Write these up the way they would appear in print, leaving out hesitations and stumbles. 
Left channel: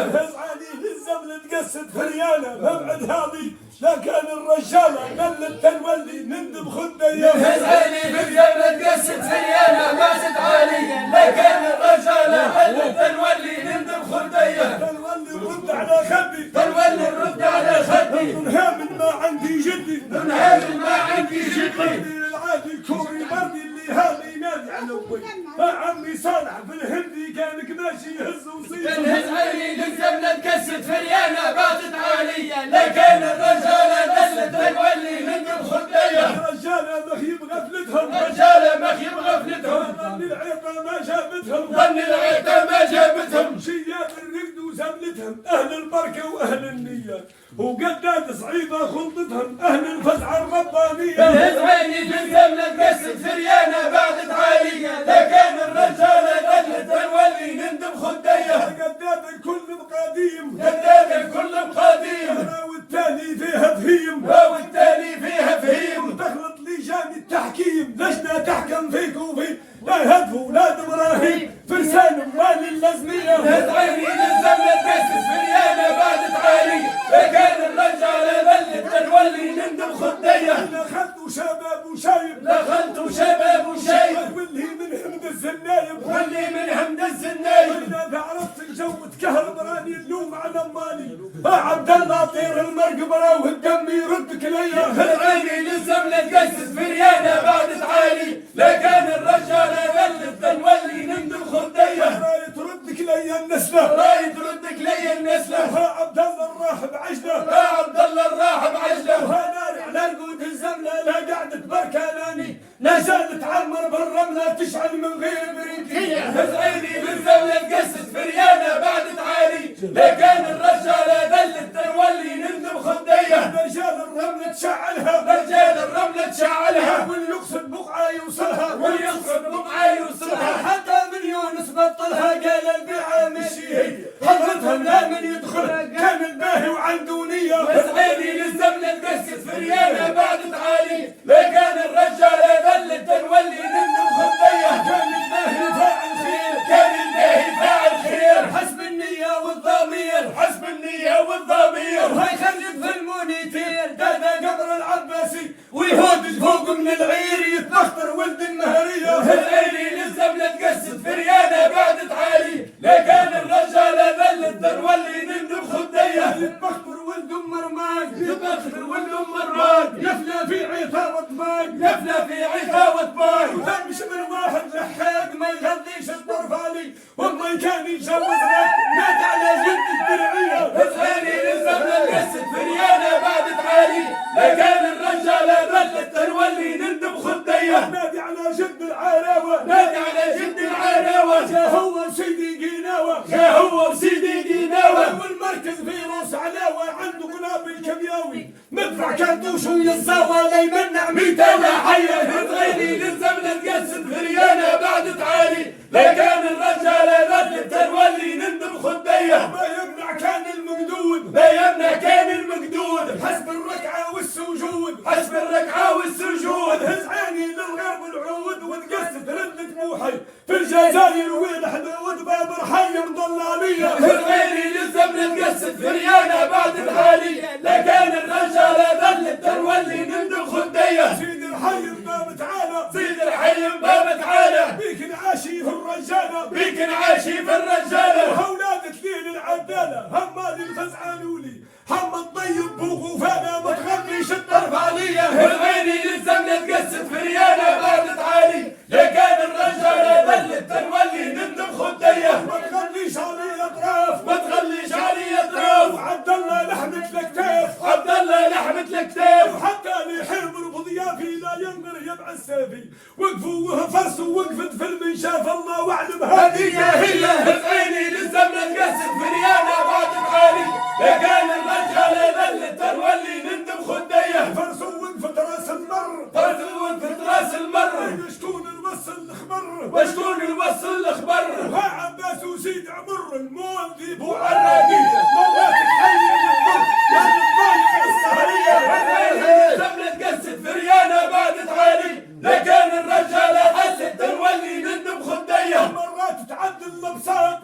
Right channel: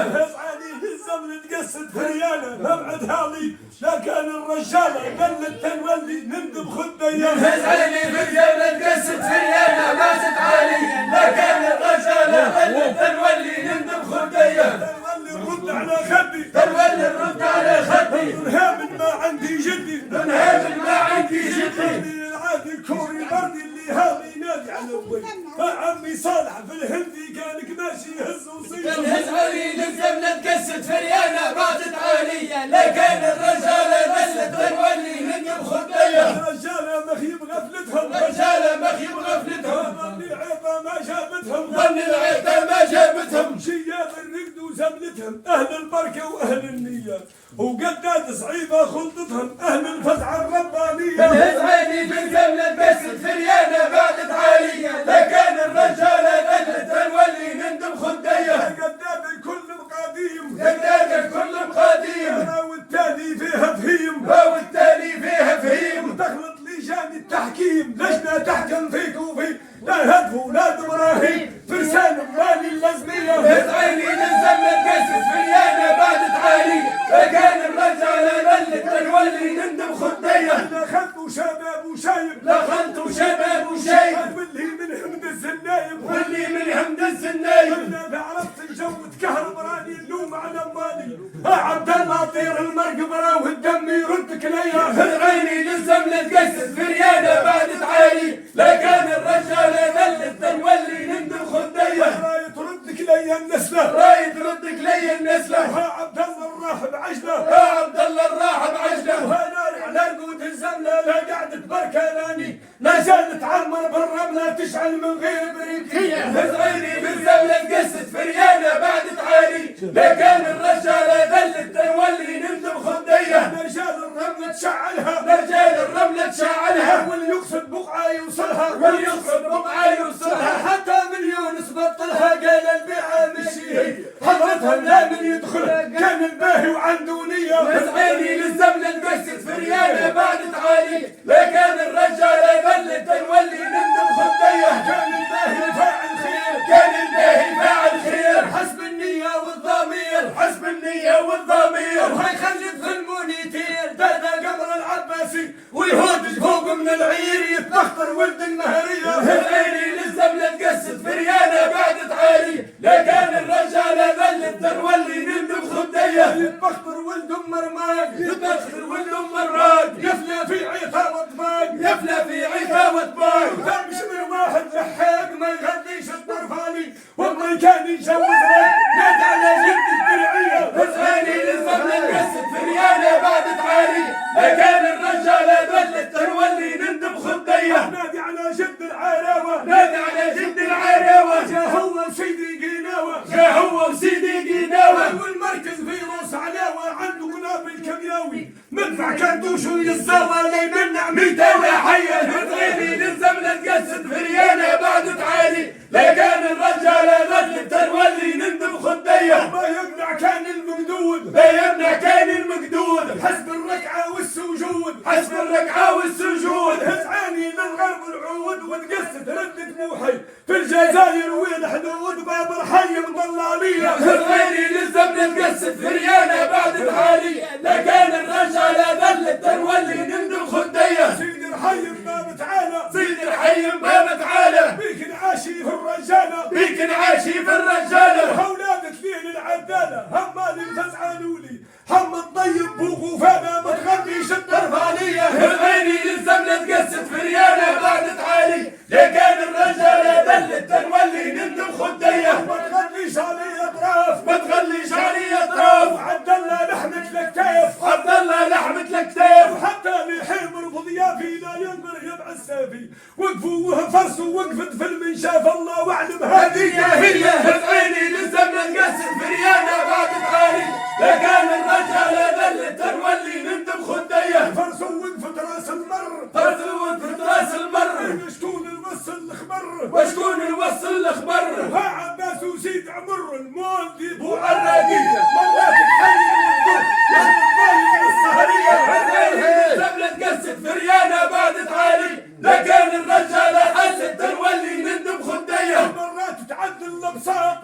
علي للزمن تقصد فريانه مبعد هالي لكن الرجاله قلت تنولي نندب خديه علي للزمن تقصد فريانه مبعد هالي لكن الرجاله قلت تنولي نندب خديه تنولي رد على خدي تنولي الرد على خدي دنها من ما عندي جدي دنها من ما عندي جدي العادي كوري بردي اللي هالي نادي على ابوي عمي صالح في الهندي كانك ماشي يهز وصيح تنهز علي للزمن تقصد فريانه باتت عاليه لكن الرجاله ظلت تنولي نندب خديه الرجاله مخيب غفلتهم رجاله مخيب غفلتهم ظن العيطه ما جابتهم ظن العيطه ما جابتهم شياب الرقد وزملتهم اهل البركه واهل النيه وقدات صعيبه خلطتهم اهل الفزعه الربانيه تنهز عيني في الزمن تقصد فريانه باتت عاليه لكن الرجاله ظلت تنولي نندب خديه قدات الكل بقديم قدام الكل مقاديم والتالي فيها فهيم والتالي فيها فهيم تخلط لجان التحكيم لجنه تحكم فيك وفي لا هدف ولاد ابراهيم فرسان موالي اللزميه عيني للزمن تقصد فريانه باتت عاليه لكن الرجاله ظلت تنولي نندب خديه دخلت شباب وشايب دخلت شباب وشيب واللي من همد الزنايب واللي من همد الزنايب اذا عرفت الجو تكهرب راني اللوم على اموالي عبد الله طير المرقبره والدم يردك ليا عيني للزمن تقصد فريانه بعدت عالي لكن الرجاله ظلت تنولي نندب خديه راي تردك ليا النسله راي تردك لي النسله عبد الله الراح بعجله يا عبد الله الراح بعجله وهناني على قوت الزمله لا قعدت بركاناني لا زالت تعمر بالرمله تشعل من غير بريديه عيني بالزمن تقصد فريانه بعدت عالي لكن الرجاله ظلت تنولي نندب خديه رجال الرمله تشعلها رجال الرمله تشعلها واللي يقصد بقعه يوصلها واللي يقصد بقعه يوصلها حتى مليون سبطلها قال البيعه مشي حضرتها لا من يدخل كان الباهي وعنده نيه عيني للزمن تقصد فريانه بعدت عالي لكن الرجاله ظلت تنولي نندب خديه كان الباهي فاعل خير كان الباهي فاعل خير حسب النيه والضمير حسب النيه والضمير وهي خرجت في المونيتير دادا قمر العباسي ويهود فوق من العير يتبختر ولد المهريه عيني للزمن تقصد فريانه بعدت عالي لكن الرجاله ظلت تنولي نندب خديه يتبختر ولد ام رماد يبخر ولد ام الراد يفلى في عيثار وطباق يفلى في عتاوة بار فمش من واحد لحاق ما يغليش الطرفالي والله كان يجوز لك نادى على جد الدرعيه عيني للزمن تقصد فريانه بعدت عالي لكن الرجاله ظلت تنولي نندب خديه نادي على جد العراوه نادي على جد العراوه جا هو سيدي قناوه جا هو وسيدي قناوه والمركز فيروس علاوه عنده قنابل كيمياوي مدفع كرتوش ويزاوى لا يمنع 200 حيه عيني للزمن تقصد فريانه بعدت عالي لكن الرجاله ظلت تنولي نندب خديه ما يقدع كان المقدود بينا كان المقدود حسب الركعه والسجود حسب الركعه والسجود هزعاني للغرب العود وتقصد ردة موحي في الجزائر والحدود باب الحي مضلاليه عيني للزمن تقصد فريانه بعدت عالي لكن الرجاله ظلت تنولي نندب خديه سيد الحي باب تعالى سيد الحي باب تعالى بيك نعاشي في الرجاله بيك نعاشي في الرجاله واولادك لين العداله هم اللي بتزعلوا لي هم الطيب بوك وفانا ما تغنيش الطرفانيه عيني للزمن تقصد فريانه بعدت عالي لكن الرجاله ظلت تنولي نندب خديه ما تغنيش علي اطراف ما تخليش علي اطراف وعبد الله لحمة الكتاف عبد الله لحمة الكتاف وحتى اللي حمر بضيافي لا ينظر يبع السافي وقفوا وهفرسوا وقفت في المنشاف الله واعلم هذه هي عيني للزمن تقصد فريانه بعدت عالي لكن الرجاله ظلت تنولي نندب خديه فرسوا وقفت راس المر فرسوا في راس المر شكون الوصل الخبر وشكون الوصل الاخبر ها عباس وسيد عمر الموظف وعراقيه مرات تحيي عيني للزمن تقصد فريانه بعدت عالي لكن الرجاله حست تنولي نندب خديه مرات تعدل الابصار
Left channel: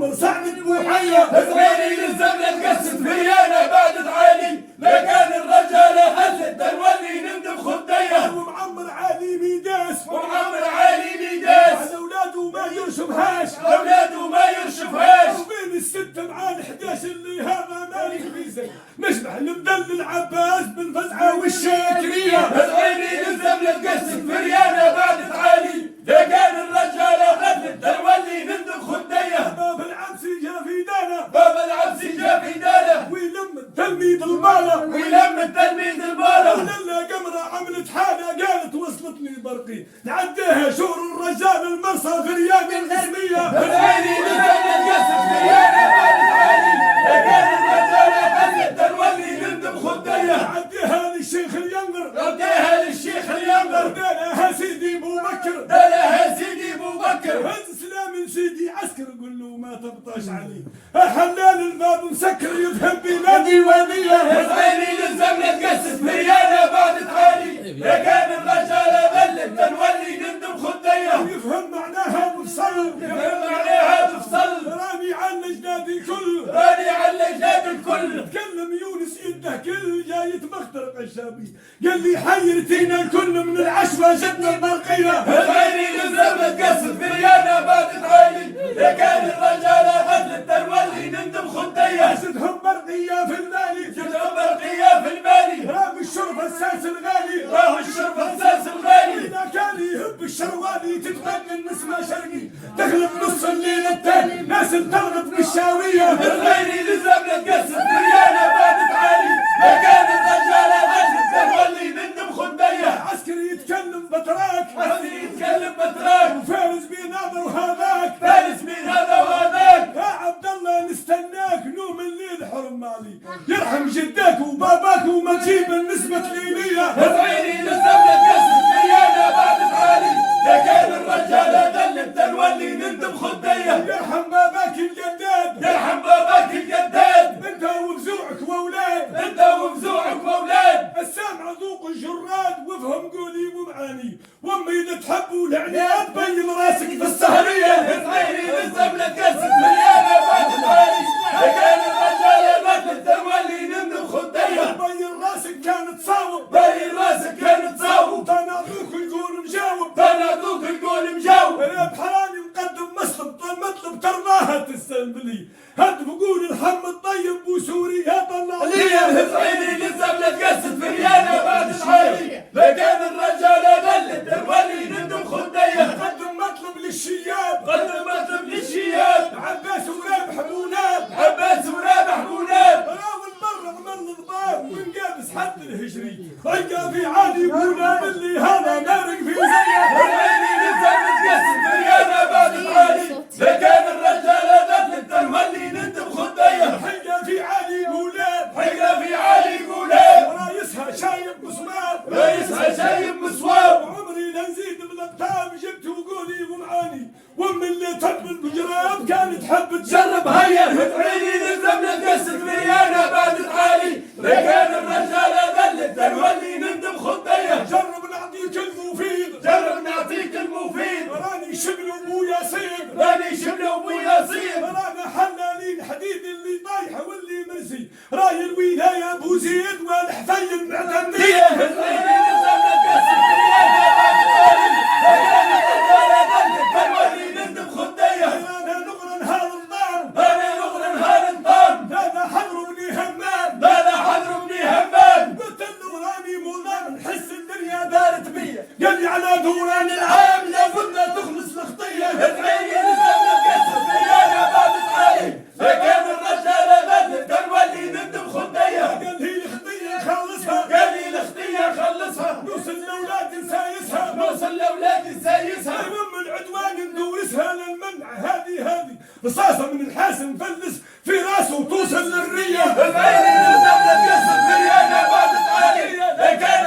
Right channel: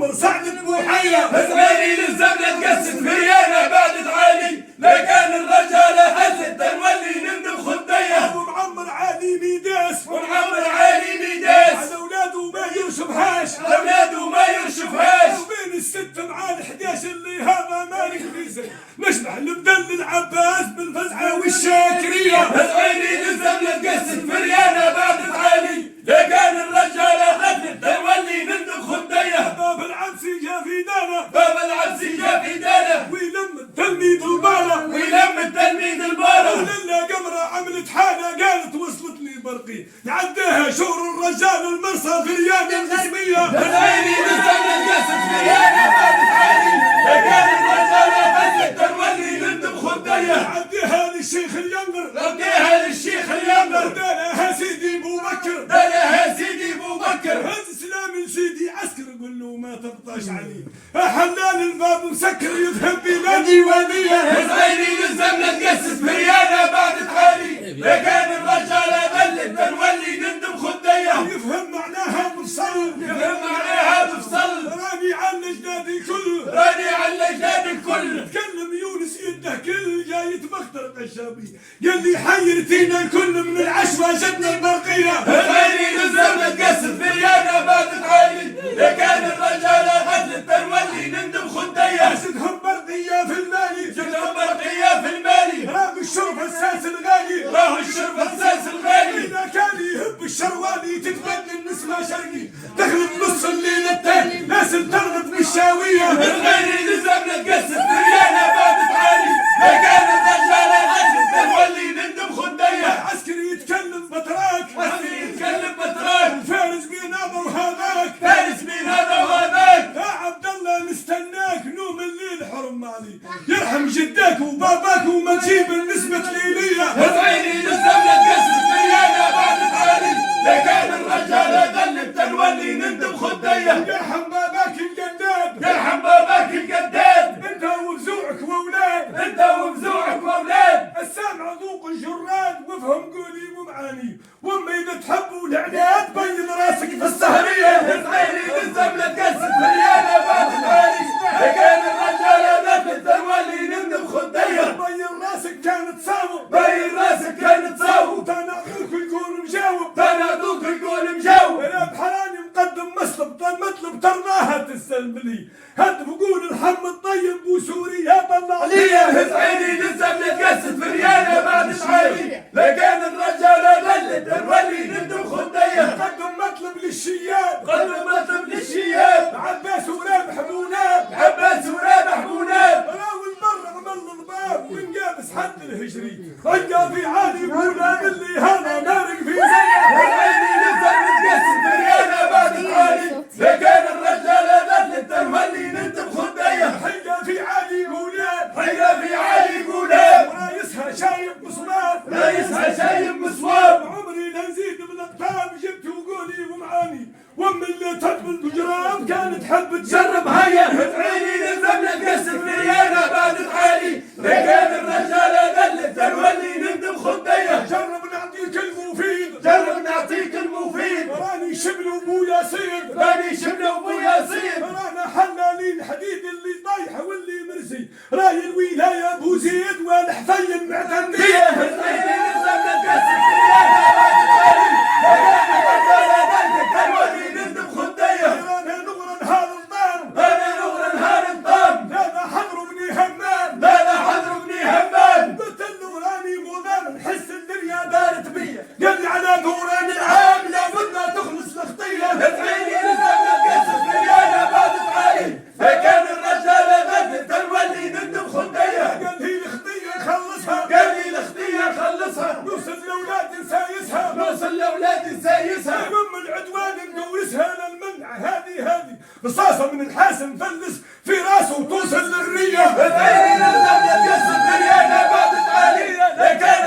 معمر سعد بوحية زغيري للزمن تقسم فريانة بعد تعالي لكان الرجالة هزت تنولي نندم خدية ومعمر علي ميداس ومعمر علي ميداس على اولاده ما يرشفهاش اولاده ما يرشفهاش وبين الستة مع ال11 اللي هذا مالك فيزي نشبح المدلل عباس بالفزعة والشاكرية زغيري للزمن تقسم فريانة بعد تعالي لكان الرجالة هزت تنولي نندم خدية باب العبسي جا في دانا باب العبسي جا في داله ويلم التلميذ البالة ويلم التلميذ البالة ولله قمرة عملت حالة قالت وصلتني برقي يعديها شور الرجال المرسى في رياض الغربية زغيري للزمن تقسم فريانة بعد تعالي لكان الرجالة هزت تنولي نندم خدية يعديها للشيخ الينقر رديها للشيخ الينقر دالها سيدي ابو بكر دلها سيدي ابو بكر هز سلام سيدي عسكر قول له ما تبطش علي حلال الباب مسكر يذهب بلادي وليه زغيري للزمن تقسم فريانة بعد تعالي لكان الرجالة ذلت تنولي نندم خدية يفهم معناها بفصل يفهم عليها بفصل راني على الاجداد الكل راني على الاجداد الكل تكلم يونس يده كل جاي يتبختر قشابي قال لي حيرتينا الكل من العشوة جدنا البرقية زغيري للزمن تقسم فريانة بعد تعالي لكان الرجالة ذلت تنولي نندم خدية زدهم برقية في المالي زدهم برقية في المالي راه الشرف الساس الغالي راهو الشرف اساس الغالي إذا كان يهب الشروالي تتبدل نسمة شرقي تغلب نص الليل التاني ناس ترغب بالشاوية زغيري للزمن تقسم فريانة بعد تعالي لكان الرجالة ذلت تنولي نندم خدية عسكري يتكلم بتراك عسكري يتكلم بتراك فارس بين هذا وهذاك فارس مين هذا وهذاك يا عبد الله نستناك نوم الليل حرم مالي يرحم جدك وباباك وما تجيب النسبة ليلية زغيري للزمن تقسم فريانة بعد تعالي لكان الرجالة ذلت تنولي نندم خدية يرحم باباك الجداد يرحم باباك الجداد انت وفزوعك واولاد انت وفزوعك واولاد السامع ذوق الجراد وافهم قولي ومعاني وامي اذا تحبوا العناد بين راسك في السهرية زغيري للزمن تقسم فريانة بعد تعالي لكان الرجالة ذلت تنولي نندم خدية بين راسك كانت تصاوب باين راسك كان تصاوب تناقوك يكون مجاوب تنادوك يقول مجاوب وانا بحراني مقدم مطلب ترضاها تستلم لي هاد بقول ارحم الطيب وسوري يا طلع ليه زغيري للزمن تقسم فريانة بعد تعالي لكان الرجالة ذلت تنولي نندم خدية قدم مطلب للشياب قدم مطلب للشياب عباس ورابح بونات عباس ورابح بونات راوي البر عمل الضباب ومقابس حد الهجري رجع في عالي بولا اللي هذا مارق في زيه زغيري للزمن تقسم فريانة بعد تعالي لكان الرجالة ذلت تنولي نندم خدية حيقة في عالي بولاد حيقة في عالي قولاب رايسها شايب بصمات رئيسها شايب مصواب عمري لا نزيد من الطعام جبت وقولي ومعاني وام اللي تحب الجرام كانت تحب تجرب هيا زغيري للزمن تقسم فريانة بعد تعالي لكان الرجالة ذلت تنولي نندم خدية جرب نعطيك المفيد جرب نعطيك المفيد راني شبل ابو ياسين راني شبله ابو ياسين رانا حلالين الحديد اللي طايحه واللي مرسي راي الولايه ابو زيد والحفي المعتنديه زغيري للزمن تقسم فريانة بعد تعالي لكان الرجالة ذلت تنولي نندم خدية رانا نغرى نهار الضام انا نغرى نهار الطام هذا حضر بني همام هذا حضر بني همام قلت له راني مضام نحس الدنيا دارت بيا قال لي على دوران العام لابد لا تخلص الخطيه زغيري للزمن تقسم فريانة بعد تعالي لكان الرجالة ذلت تنولي نندم خدية قال لي الخطيه خلصها قال لي الاختية خلصها نوصل لاولاد نسايسها نوصل لاولاد نسايسها ام العدوان نقوسها للمنع هذه رصاصه من الحاسم فلس في راسه وتوصل للريه زغيري للزمن تقسم فريانة بعد تعالي لكان